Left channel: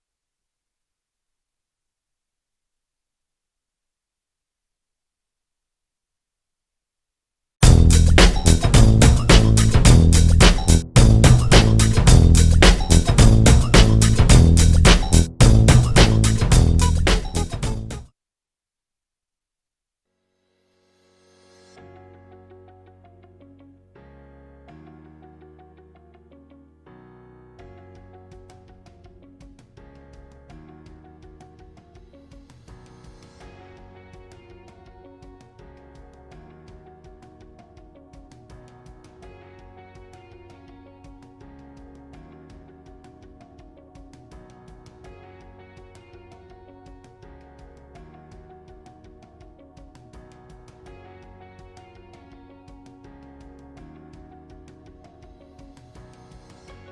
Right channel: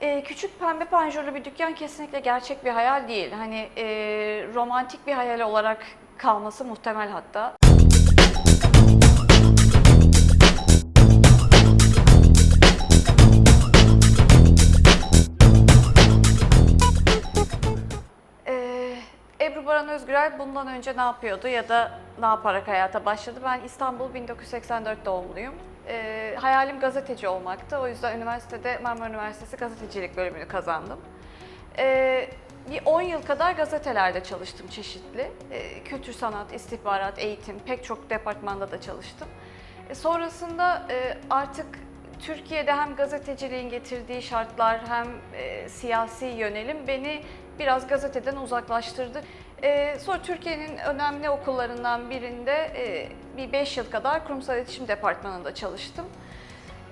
Ee, küçük pembe panjurlu bir dükkan kesinlikle gerçek bir hayal değil. Hani e, romantik bir hayal olarak kalması muhtemel hatta. Ee, Ebru Baran Özgürel bundan önce ne yapıyordu ya da ne yaparak hayata başladı? Ben İstanbul 1984 doğumluyum. Ee, hayalim gazeteci olmaktı. O yüzden üniversitede Marmara Üniversitesi gazetecilik bölümünü kazandım. Ee, bir 10 yıl kadar gazetelerde çalıştım çeşitli. Ee, kültür sanat, istihbarat, eğitim pek çok departmanda da çalıştım. E, sonrasında e, artık Türkiye'de hem gazeteciliğin getirdiği şartlar hem e, siyasi yönelim beni biraz gazeteden uzaklaştırdı. E, sonra Türkiye'nin önemli okullarından birinde e, bir 5 yıl kadar kurumsal iletişim departmanında çalıştım.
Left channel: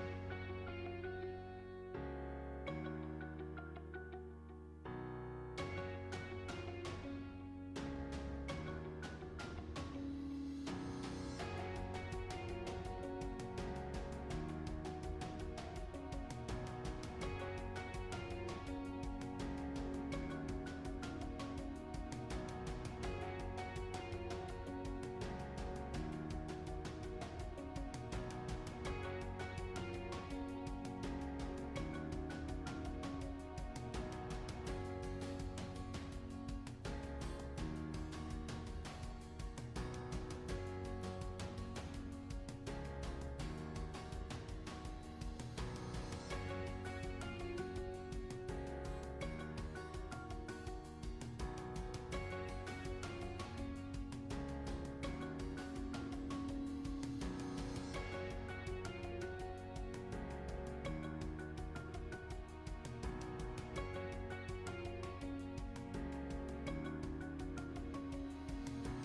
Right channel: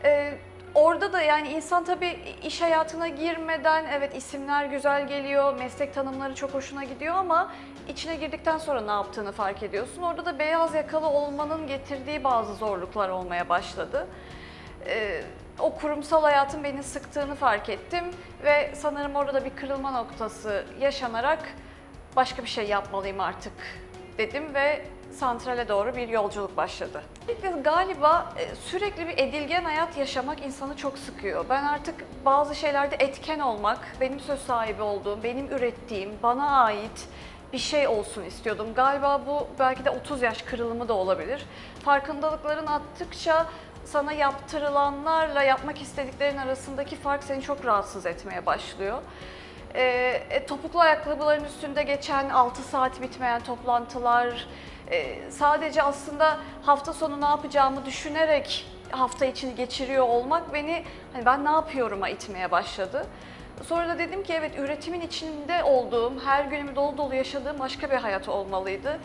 E, orada da yani insan tabii iş hayatına girmeden evet isimler güzel geliyor, meslek tanımları çok hoşuna gidiyor ama içine girdikten sonra ne yaptığını fark ediyorsun. Orada da beyaz yakalı olmanın getirdiği bazı zorluklar olmaya başladı. Ee, o kurumsal hayatın beni sıktığını fark ettim ve sanırım orada da bir kırılma noktası yaşanarak başka bir şey yapmalıyım artık dedim ve santrale doğru bir yolculuk başladı. İlk Galiba e, sürekli bir edilgen hayat yaşamak insanı çok sıkıyor. Ben artık bazı şeylerde etken olmak, benim söz sahibi olduğum, benim ürettiğim, bana ait bir şey olsun istiyordum. Galiba bu belki de 30 yaş kırılımı da olabilir. Farkındalıkların arttıkça sana yaptırılanlarla yapmak istediklerin arasındaki fark seni çok rahatsız etmeye başlıyor. Ee, e, topuklu ayakkabıların üstünde geçen 6 saat bitmeyen toplantılar, e, sadece aslında hafta sonu ne yapacağımı düşünerek hafta içini geçiriyor olmak beni hani ben ne yapıyorum'a itmeye başladı. Sonra da dedim ki evet üretimin içinde olduğum, her günümü dolu dolu yaşadığım başka bir hayat olmalıydı.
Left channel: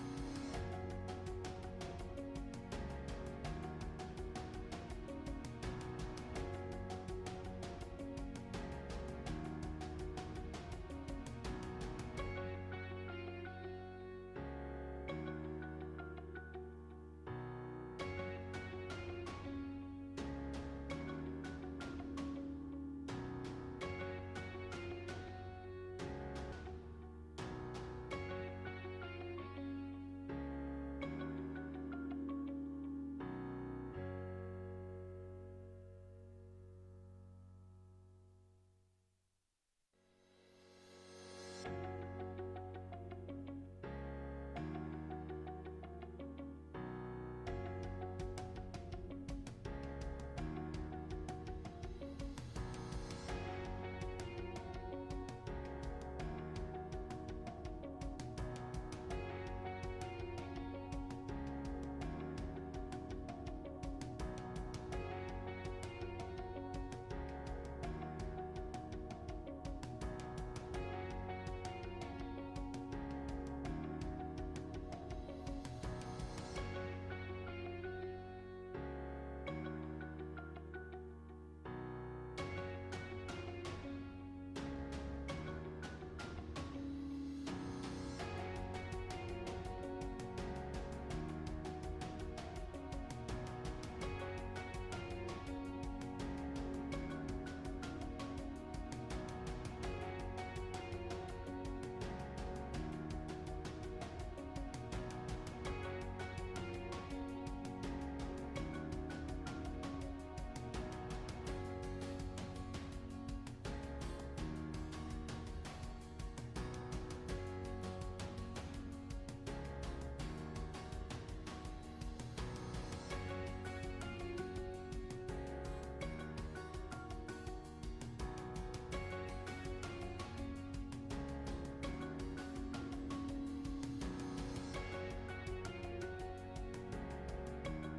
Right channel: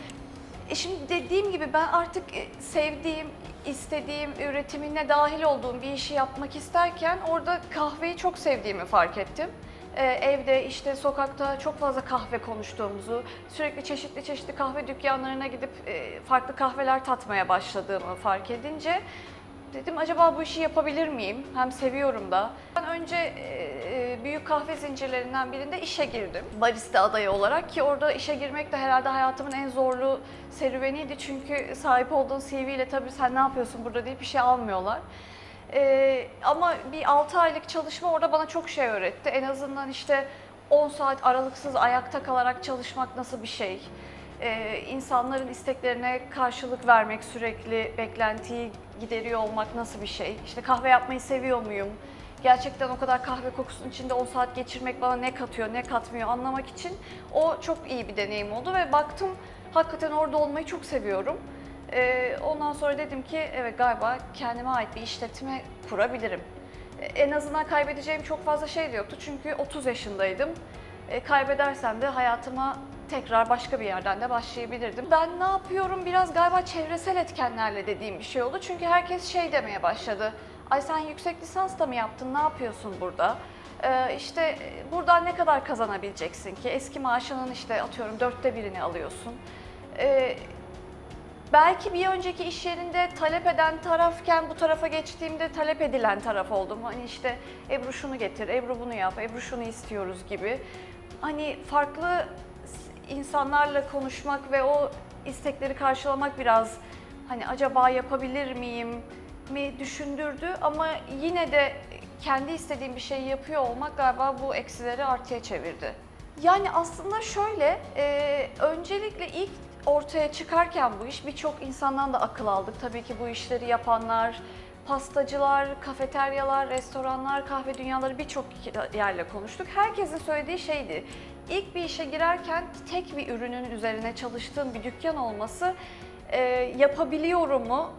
E şimdi dediğim gibi ben artık e, sevdiğim, istediğim, üretimine dahil olduğum bir işi yapmak isterken orada kahveyi çok sevdiğimi fark ettim. Ee, evde işte sokakta çok fazla kahve konuştuğumuzu, sürekli çeşitli çeşitli kahve dükkanlarına gidip e, farklı kahveler tatmaya başladığımı fark edince dedim acaba bu işi yapabilir miyim? Hem seviyorum da. Ben önce e, e, büyük kahve zincirlerinden birinde işe girdim. Barista adayı olarak ki orada işe girmek de herhalde hayatımın en zorlu serüveniydi. Çünkü sahip olduğun CV ile tabii sen ne yapıyorsun burada deyip bir şey almıyorlar. Ee, ama bir 6 aylık çalışma orada bana çok şey öğretti. En azından işte 10 saat aralıksız ayakta kalarak çalışmak nasıl bir şey? Ee, insanların isteklerine karşılık vermek, sürekli beklentiyi gideriyor olmak nasıl bir şey? İşte kahve yapmayı seviyor muyum? Gerçekten o kadar kahve kokusunun içinde 10 saat geçirmek bana ne katıyor, ne katmıyor anlamak için o çok iyi bir deneyim oldu ve baktım hakikaten orada olmayı çok seviyorum. Ee, ondan sonra dedim ki evet galiba kendime ait bir işletme kurabilirim. Ee, en azından kaybedeceğim çok fazla şey de yoktu çünkü 30 yaşındaydım. Ee, kaybedersem de hayatıma tekrar başka bir yerden de başlayabilirdim. Ben ne yapıyorum biraz galiba çevresel etkenlerle dediğim bir şey oldu. Çünkü herkes şey demeye başladı. Ay sen yüksek lisans da mı yaptın, ne yapıyorsun burada? Ee, işte e, buradan ne kadar kazanabileceksin ki? Eski maaşının işte atıyorum dörtte birini alıyorsun. Ee, Belki bir önceki iş yerinde talep eden tarafken bu tarafa geçtiğimde talep edilen taraf oldum. Hani işte Ebru şunu getir, Ebru bunu yap, Ebru şunu istiyoruz gibi. Hani farklı insanlarla konuşmak ve o istekleri karşılamak biraz hani acaba yapabilir miyim mi düşündürdü ama yine de kendi istediğim bir şeyi yapıyor olmak galiba bu eksileri artıya çevirdi. Yani aslında şöyle, e, öncelikle ilk ortaya çıkarken bu iş birçok insandan da akıl aldık. Tabii ki bu işleri yapanlar, pastacılar, kafeteryalar, restoranlar, kahve dünyaları birçok yerle konuştuk. Herkesin söylediği şeydi. İlk bir işe girerken tek bir ürünün üzerine çalıştığım bir dükkan olması e, yapabiliyor mu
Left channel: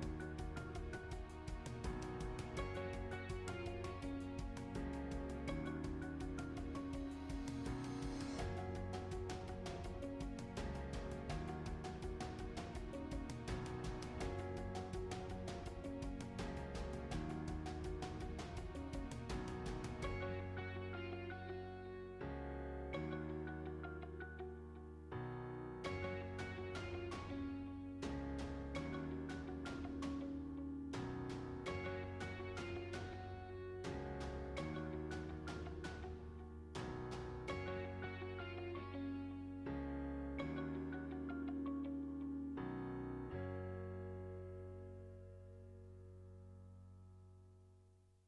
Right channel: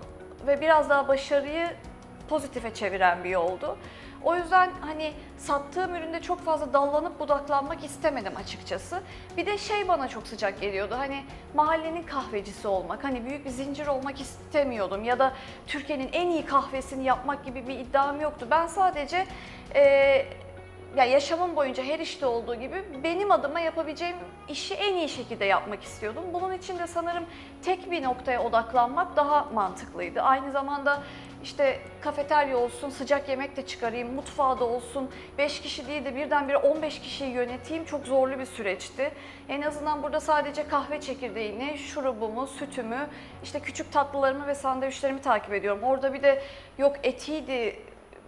ve biraz daha başarıyı pozitife çeviren bir yoldu. O yüzden hani sattığım üründe çok fazla dallanıp budaklanmak istemedim açıkçası. Bir de şey bana çok sıcak geliyordu. Hani mahallenin kahvecisi olmak, hani büyük bir zincir olmak istemiyordum ya da Türkiye'nin en iyi kahvesini yapmak gibi bir iddiam yoktu. Ben sadece eee ya yaşamım boyunca her işte olduğu gibi benim adıma yapabileceğim işi en iyi şekilde yapmak istiyordum. Bunun için de sanırım tek bir noktaya odaklanmak daha mantıklıydı. Aynı zamanda işte kafeterya olsun, sıcak yemek de çıkarayım, mutfağı da olsun, 5 kişi değil de birdenbire 15 kişiyi yöneteyim çok zorlu bir süreçti. En azından burada sadece kahve çekirdeğini, şurubumu, sütümü, işte küçük tatlılarımı ve sandviçlerimi takip ediyorum. Orada bir de yok etiydi,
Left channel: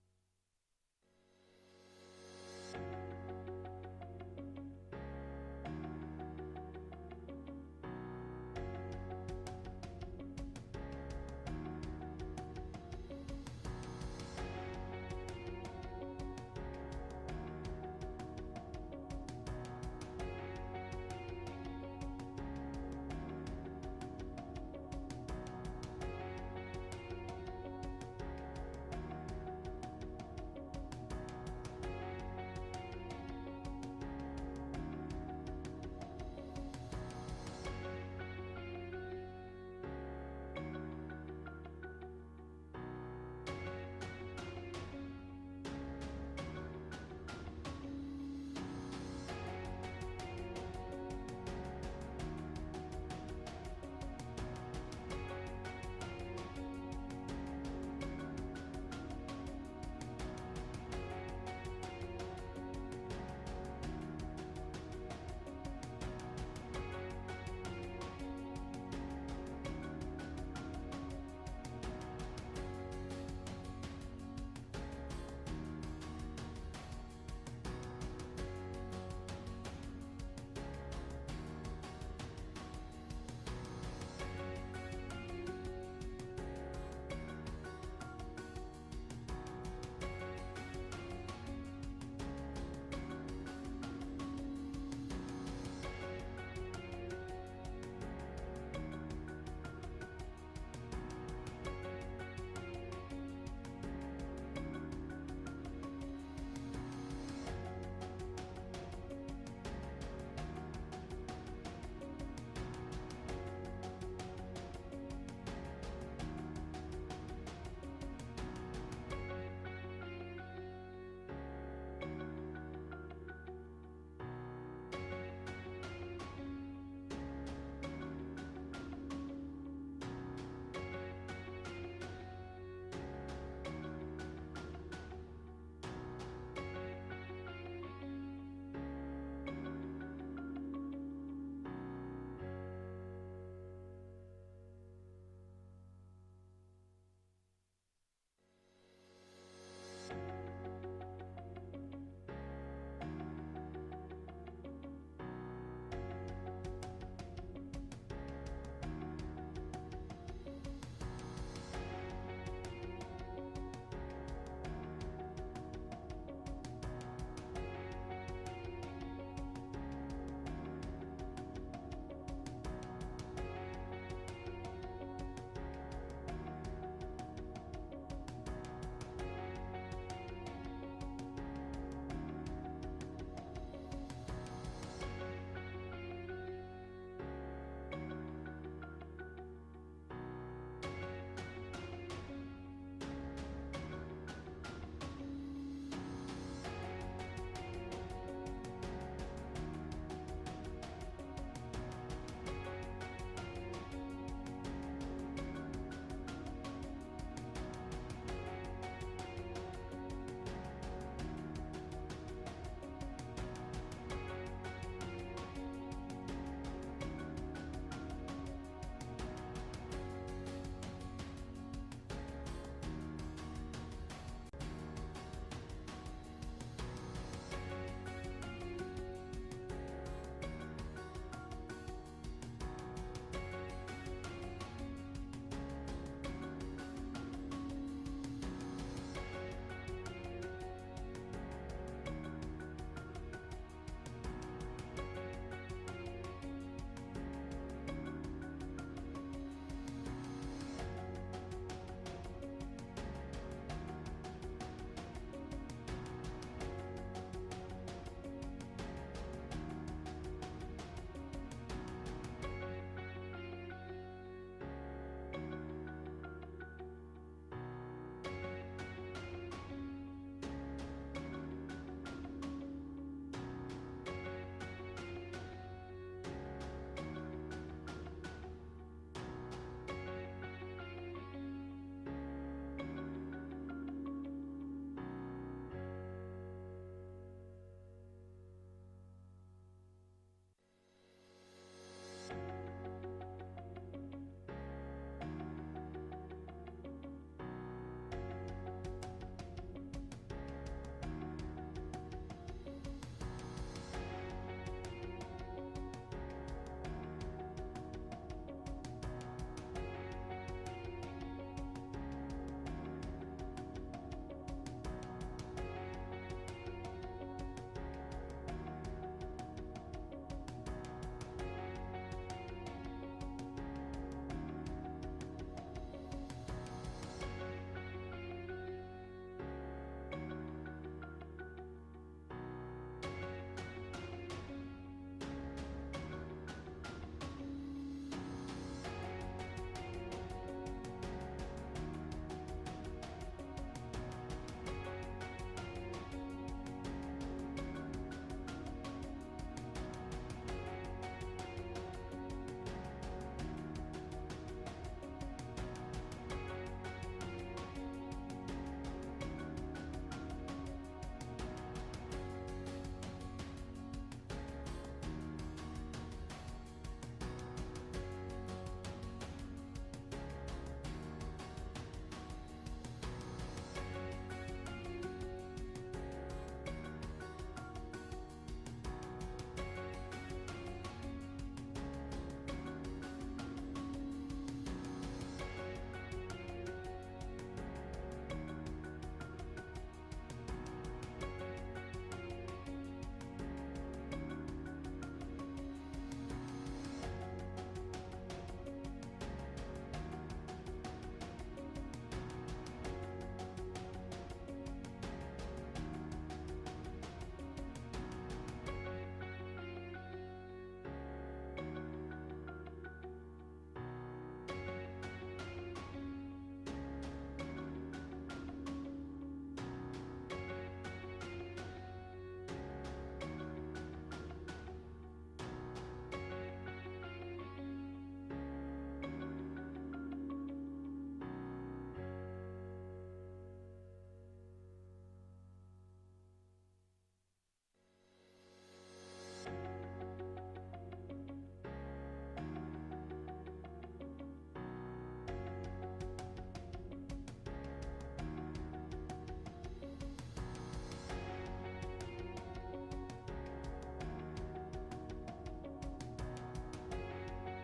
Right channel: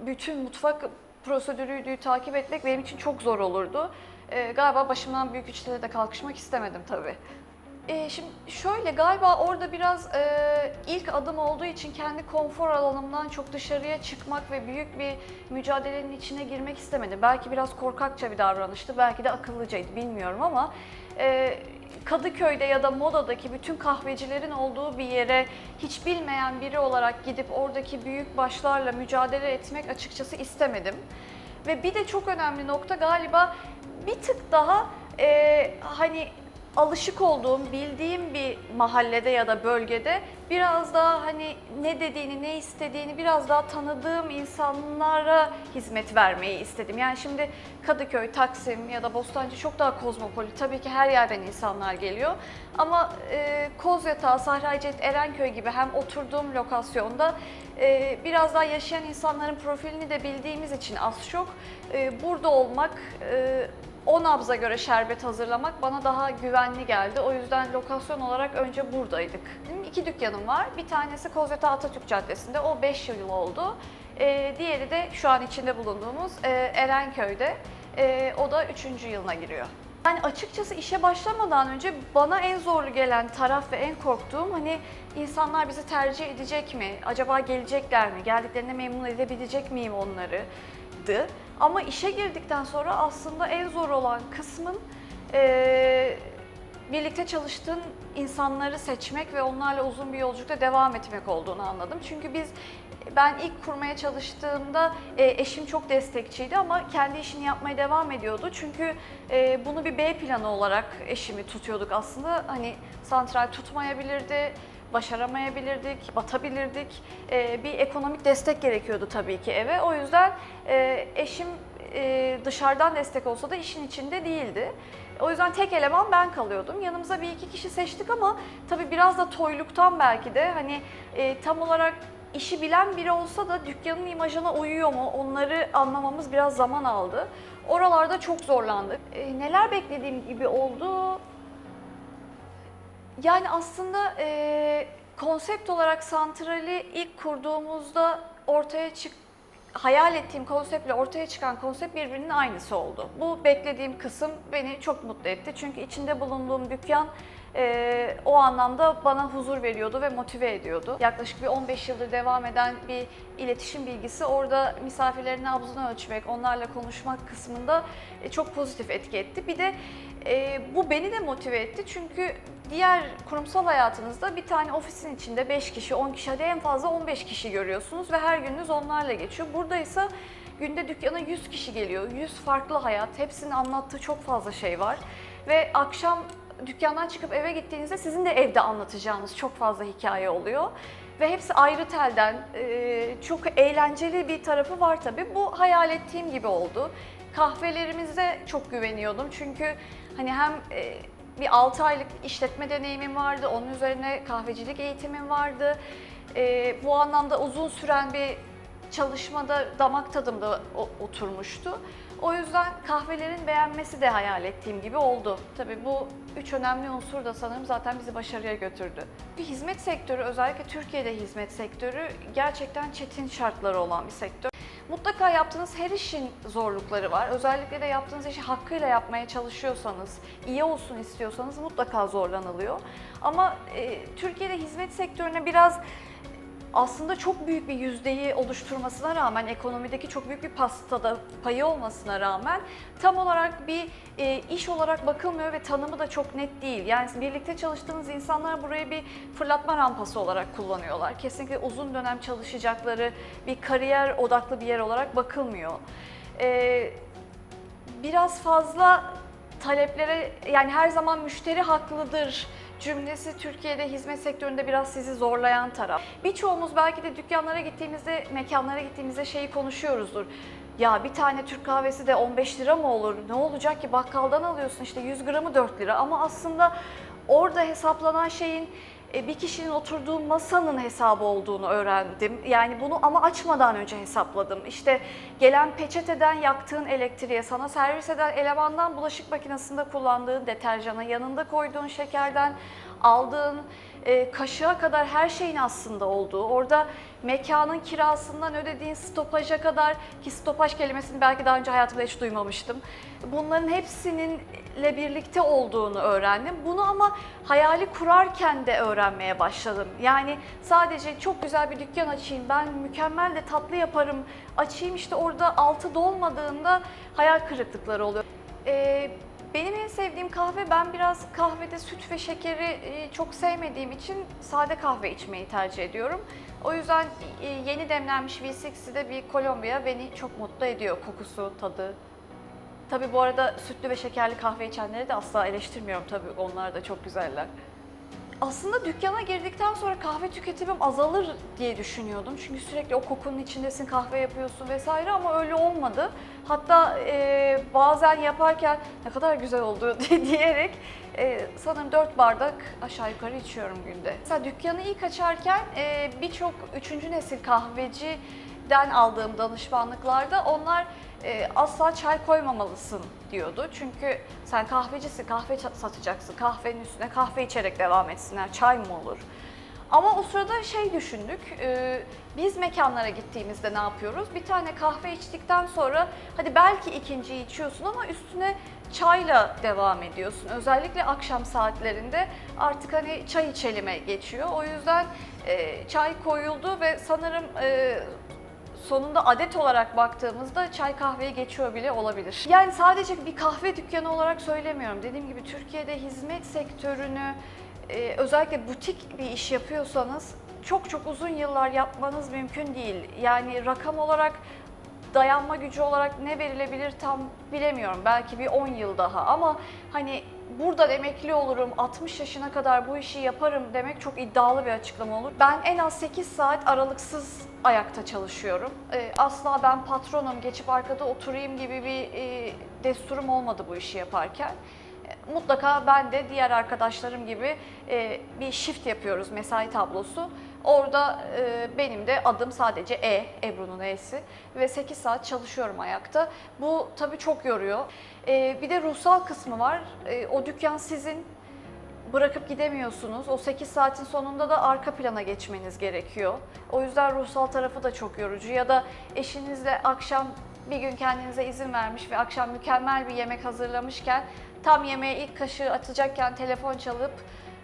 bütün mutfak prosedürüydü takip etmek benim için çok zor olurdu. Ee, galiba başımdan büyük işlere de kalkışmak istemedim tabii. Ee, şimdi şöyle galiba orada biraz e, ilk adım olduğu için kendi konfor alanımdan çok dışarıya çıkmak ve büyük bir mücadelenin içine girmek istemedim. Belki biraz korkakça bir davranıştı, belki de akıllıcaydı bilmiyorum ama e, Kadıköy'de ya da Moda'daki bütün kahvecilerin olduğu bir yere hiç bilmeyen biri olarak gidip oradaki büyük başlarla mücadele etmek açıkçası istemedim. Ve bir de çok önemli nokta galiba bir tık daha e, hani alışık olduğum, bildiğim bir mahallede ya da bölgede biraz daha hani ne dediğini, ne istediğini biraz daha tanıdığım insanlara hizmet vermeyi istedim. Yani şimdi Kadıköy, Taksim ya da Bostancı çok daha kozmopolit. Tabii ki her yerden insanlar geliyor. Ama e, Kozyatağı, Sahraycet, Erenköy gibi hem oturduğum lokasyonda e, biraz daha yaşayan insanların profilini de bildiğimiz için az çok e, burada olmak, e, o nabza göre şerbet hazırlamak bana daha güvenli geldi. O yüzden lokasyon olarak önce buradaydık. Benim iki dükkanım var. Bir tanesi Kozyatağı Atatürk Caddesi'nde. O 5 yıl oldu. E, diğeri de şu an içinde bulunduğumuz e, Erenköy'de. E, o da 3. yılına giriyor. Yani açıkçası işe başlamadan önce bana en zorlu gelen taraf ve en korktuğum hani insanlar bizi tercih edecek mi? Acaba gelecekler mi? Geldiklerinde memnun edebilecek miyim onları? Ama işe girdikten sonra aslında en zor olan kısmın eee, birlikte çalıştığın insanları seçmek ve onlarla uzun bir yolculukta devam etmek olduğunu anladım. Çünkü biz ben ilk kurmaya çalıştığımda e, eşim çok destekçiydi ama kendi işini yapmaya devam ediyordu. Çünkü e, bunu bir B planı olarak eşimi tutuyorduk aslında. Hani santral tutmayabilirdi, başaramayabilirdik, batabilirdik. E, bir ekonomik destek gerekiyordu tabii ki eve. O yüzden e, eşim e, dışarıdan destek olsa da işin içinde değildi. O yüzden tek eleman ben kalıyordum. Yanımıza bir iki kişi seçtik ama tabii biraz da toyluktan belki de hani e, tam olarak işi bilen biri olsa da dükkanın imajına uyuyor mu onları anlamamız biraz zaman aldı. Oralarda çok zorlandık. E, neler beklediğim gibi oldu? Yani aslında e, konsept olarak santrali ilk kurduğumuzda ortaya çık hayal ettiğim konseptle ortaya çıkan konsept birbirinin aynısı oldu. Bu beklediğim kısım beni çok mutlu etti. Çünkü içinde bulunduğum dükkan e, o anlamda bana huzur veriyordu ve motive ediyordu. Yaklaşık bir 15 yıldır devam eden bir iletişim bilgisi orada misafirlerin nabzını ölçmek, onlarla konuşmak kısmında e, çok pozitif etki etti. Bir de e, bu beni de motive etti çünkü diğer kurumsal hayatınızda bir tane ofisin içinde 5 kişi, 10 kişi, hadi en fazla 15 kişi görüyorsunuz ve her gününüz onlarla geçiyor. Burada ise günde dükkana 100 kişi geliyor, 100 farklı hayat, hepsinin anlattığı çok fazla şey var. Ve akşam dükkandan çıkıp eve gittiğinizde sizin de evde anlatacağınız çok fazla hikaye oluyor. Ve hepsi ayrı telden, e, çok eğlenceli bir tarafı var tabii. Bu hayal ettiğim gibi oldu. Kahvelerimize çok güveniyordum çünkü hani hem e, bir 6 aylık işletme deneyimim vardı, onun üzerine kahvecilik eğitimim vardı. E, bu anlamda uzun süren bir çalışmada damak tadımda oturmuştu. O yüzden kahvelerin beğenmesi de hayal ettiğim gibi oldu. Tabii bu üç önemli unsur da sanırım zaten bizi başarıya götürdü. Bir hizmet sektörü, özellikle Türkiye'de hizmet sektörü gerçekten çetin şartları olan bir sektör. Mutlaka yaptığınız her işin zorlukları var. Özellikle de yaptığınız işi hakkıyla yapmaya çalışıyorsanız, iyi olsun istiyorsanız mutlaka zorlanılıyor. Ama e, Türkiye'de hizmet sektörüne biraz aslında çok büyük bir yüzdeyi oluşturmasına rağmen, ekonomideki çok büyük bir pastada payı olmasına rağmen tam olarak bir e, iş olarak bakılmıyor ve tanımı da çok net değil. Yani birlikte çalıştığınız insanlar burayı bir fırlatma rampası olarak kullanıyorlar. Kesinlikle uzun dönem çalışacakları bir kariyer odaklı bir yer olarak bakılmıyor. E, biraz fazla taleplere yani her zaman müşteri haklıdır cümlesi Türkiye'de hizmet sektöründe biraz sizi zorlayan taraf. Birçoğumuz belki de dükkanlara gittiğimizde, mekanlara gittiğimizde şeyi konuşuyoruzdur. Ya bir tane Türk kahvesi de 15 lira mı olur? Ne olacak ki bakkaldan alıyorsun işte 100 gramı 4 lira ama aslında orada hesaplanan şeyin bir kişinin oturduğu masanın hesabı olduğunu öğrendim. Yani bunu ama açmadan önce hesapladım. İşte gelen peçeteden yaktığın elektriğe, sana servis eden elemandan bulaşık makinesinde kullandığın deterjana, yanında koyduğun şekerden aldığın e, kaşığa kadar her şeyin aslında olduğu, orada mekanın kirasından ödediğin stopaja kadar ki stopaj kelimesini belki daha önce hayatımda hiç duymamıştım. Bunların hepsininle birlikte olduğunu öğrendim. Bunu ama hayali kurarken de öğrenmeye başladım. Yani sadece çok güzel bir dükkan açayım, ben mükemmel de tatlı yaparım, açayım işte orada altı dolmadığında hayal kırıklıkları oluyor. Ee, benim en sevdiğim kahve, ben biraz kahvede süt ve şekeri e, çok sevmediğim için sade kahve içmeyi tercih ediyorum. O yüzden e, yeni demlenmiş V60'de bir Kolombiya beni çok mutlu ediyor kokusu, tadı. Tabii bu arada sütlü ve şekerli kahve içenleri de asla eleştirmiyorum tabii onlar da çok güzeller. Aslında dükkana girdikten sonra kahve tüketimim azalır diye düşünüyordum. Çünkü sürekli o kokunun içindesin, kahve yapıyorsun vesaire ama öyle olmadı. Hatta e, bazen yaparken ne kadar güzel oldu diyerek e, sanırım 4 bardak aşağı yukarı içiyorum günde. Mesela dükkanı ilk açarken e, birçok üçüncü nesil kahveciden aldığım danışmanlıklarda onlar e, asla çay koymamalısın diyordu. Çünkü sen kahvecisin, kahve satacaksın, kahvenin üstüne kahve içerek devam etsinler, çay mı olur? Ama o sırada şey düşündük, e, biz mekanlara gittiğimizde ne yapıyoruz? Bir tane kahve içtikten sonra hadi belki ikinciyi içiyorsun ama üstüne çayla devam ediyorsun. Özellikle akşam saatlerinde artık hani çay içelime geçiyor. O yüzden e, çay koyuldu ve sanırım e, sonunda adet olarak baktığımızda çay kahveyi geçiyor bile olabilir. Yani sadece bir kahve dükkanı olarak söylemiyorum. Dediğim gibi Türkiye'de hizmet sektörünü e, özellikle butik bir iş yapıyorsanız çok çok uzun yıllar yapmanız mümkün değil. Yani rakam olarak dayanma gücü olarak ne verilebilir tam bilemiyorum. Belki bir 10 yıl daha ama hani buradan emekli olurum, 60 yaşına kadar bu işi yaparım demek çok iddialı bir açıklama olur. Ben en az 8 saat aralıksız ayakta çalışıyorum. Ee, asla ben patronum, geçip arkada oturayım gibi bir e, desturum olmadı bu işi yaparken. E, Mutlaka ben de diğer arkadaşlarım gibi e, bir shift yapıyoruz, mesai tablosu. Orada e, benim de adım sadece E, Ebru'nun E'si ve 8 saat çalışıyorum ayakta. Bu tabii çok yoruyor. E, bir de ruhsal kısmı var. E, o dükkan sizin, bırakıp gidemiyorsunuz. O 8 saatin sonunda da arka plana geçmeniz gerekiyor. O yüzden ruhsal tarafı da çok yorucu. Ya da eşinizle akşam bir gün kendinize izin vermiş ve akşam mükemmel bir yemek hazırlamışken tam yemeğe ilk kaşığı atacakken telefon çalıp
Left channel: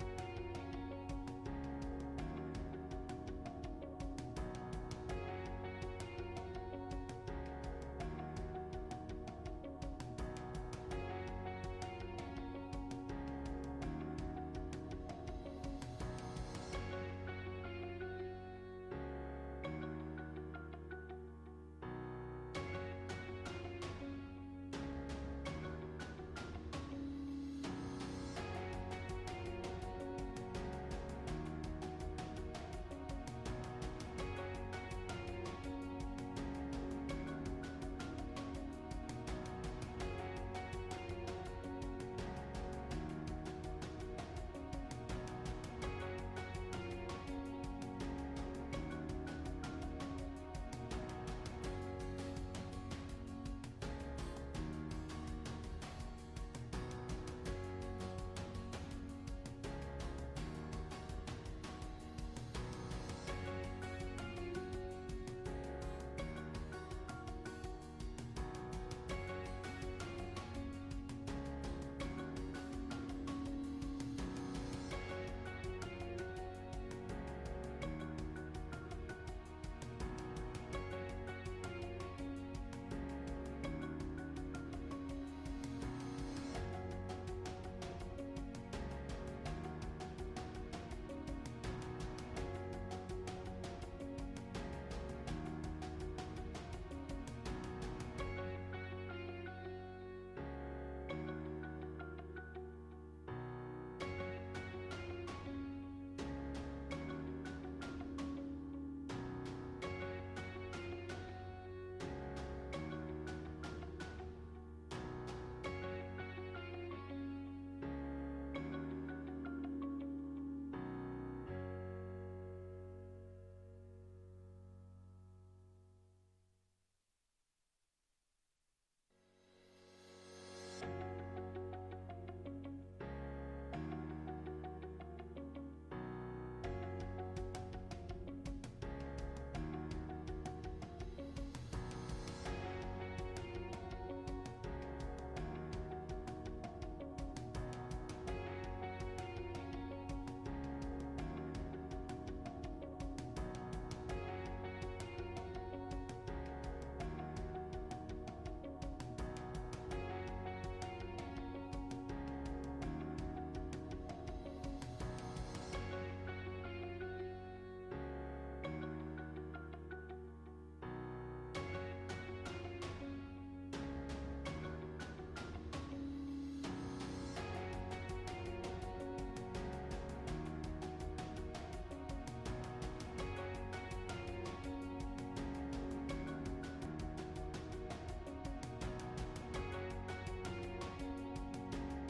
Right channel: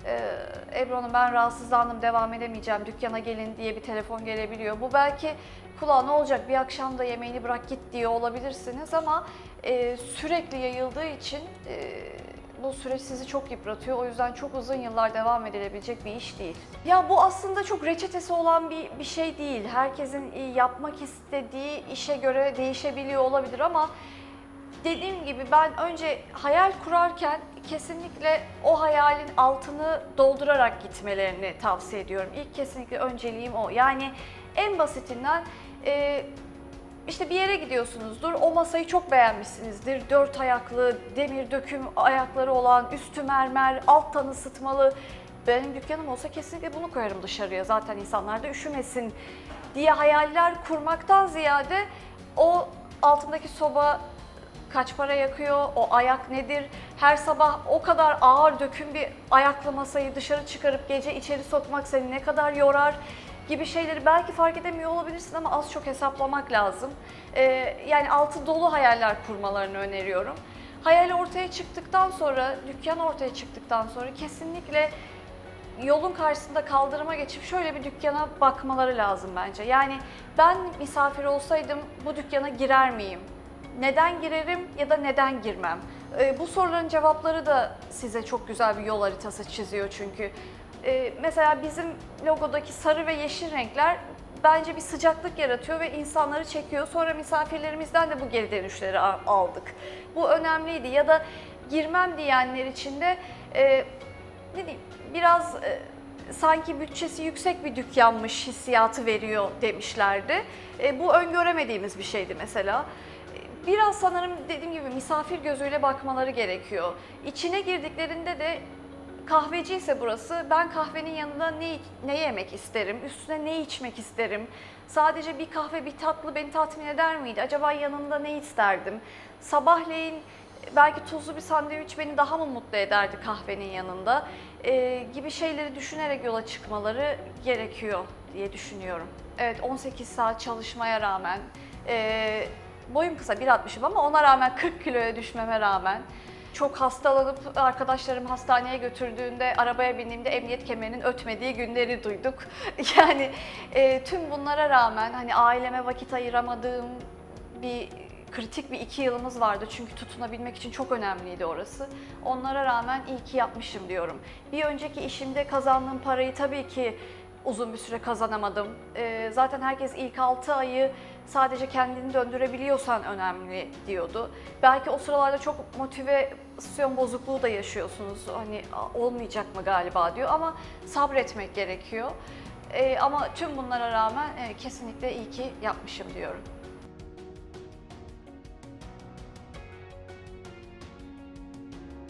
e, Ebru Hanım ben rahatsızlandım devam edemeyeceğim dükkana gelin diye bir telefon gelebiliyor. Bu belki kulağa ne olacak bir akşam da yemeğini bırak git diye olabilirsiniz ama e, sürekli yayıldığı için e, bu süreç sizi çok yıpratıyor. O yüzden çok uzun yıllar devam edilebilecek bir iş değil. Ya bu aslında çok reçetesi olan bir, bir şey değil. Herkesin e, yapmak istediği işe göre değişebiliyor olabilir ama dediğim gibi ben önce hayal kurarken kesinlikle o hayalin altını doldurarak gitmelerini tavsiye ediyorum. İlk kesinlikle önceliğim o. Yani en basitinden e, işte bir yere gidiyorsunuzdur, o masayı çok beğenmişsinizdir. Dört ayaklı, demir döküm ayakları olan, üstü mermer, alttan ısıtmalı. Benim dükkanım olsa kesinlikle bunu koyarım dışarıya. Zaten insanlar da üşümesin diye hayaller kurmaktan ziyade o altındaki soba kaç para yakıyor, o ayak nedir? Her sabah o kadar ağır döküm bir ayaklı masayı dışarı çıkarıp gece içeri sokmak seni ne kadar yorar gibi şeyleri belki fark edemiyor olabilirsin ama az çok hesaplamak lazım. Ee, yani altı dolu hayaller kurmalarını öneriyorum. Hayal ortaya çıktıktan sonra, dükkan ortaya çıktıktan sonra kesinlikle yolun karşısında kaldırıma geçip şöyle bir dükkana bakmaları lazım bence. Yani ben misafir olsaydım bu dükkana girer miyim? Neden girerim ya da neden girmem? Ee, bu soruların cevapları da size çok güzel bir yol haritası çiziyor çünkü. Ee, mesela bizim logodaki sarı ve yeşil renkler bence bir sıcaklık yaratıyor ve insanları çekiyor. Sonra misafirlerimizden de bu geri dönüşleri aldık. Bu önemliydi ya da girmem diyenler için de e, ne diyeyim biraz e, sanki bütçesi yüksek bir dükkanmış hissiyatı veriyor demişlerdi. E, bu öngöremediğimiz bir şeydi mesela. E, Biraz sanırım dediğim gibi misafir gözüyle bakmaları gerekiyor. İçine girdiklerinde de kahveci ise burası ben kahvenin yanında ne, ne yemek isterim, üstüne ne içmek isterim, sadece bir kahve bir tatlı beni tatmin eder miydi, acaba yanında ne isterdim, sabahleyin belki tuzlu bir sandviç beni daha mı mutlu ederdi kahvenin yanında Ee, gibi şeyleri düşünerek yola çıkmaları gerekiyor diye düşünüyorum. Evet 18 saat çalışmaya rağmen e, boyum kısa 1.60'ım ama ona rağmen 40 kiloya düşmeme rağmen çok hastalanıp arkadaşlarım hastaneye götürdüğünde arabaya bindiğimde emniyet kemerinin ötmediği günleri duyduk. Yani e, tüm bunlara rağmen hani aileme vakit ayıramadığım bir kritik bir iki yılımız vardı çünkü tutunabilmek için çok önemliydi orası. Onlara rağmen iyi ki yapmışım diyorum. Bir önceki işimde kazandığım parayı tabii ki uzun bir süre kazanamadım. Ee, zaten herkes ilk 6 ayı sadece kendini döndürebiliyorsan önemli diyordu. Belki o sıralarda çok motivasyon bozukluğu da yaşıyorsunuz. Hani "Aa, olmayacak mı galiba diyor ama sabretmek gerekiyor. Ee, ama tüm bunlara rağmen e, kesinlikle iyi ki yapmışım diyorum.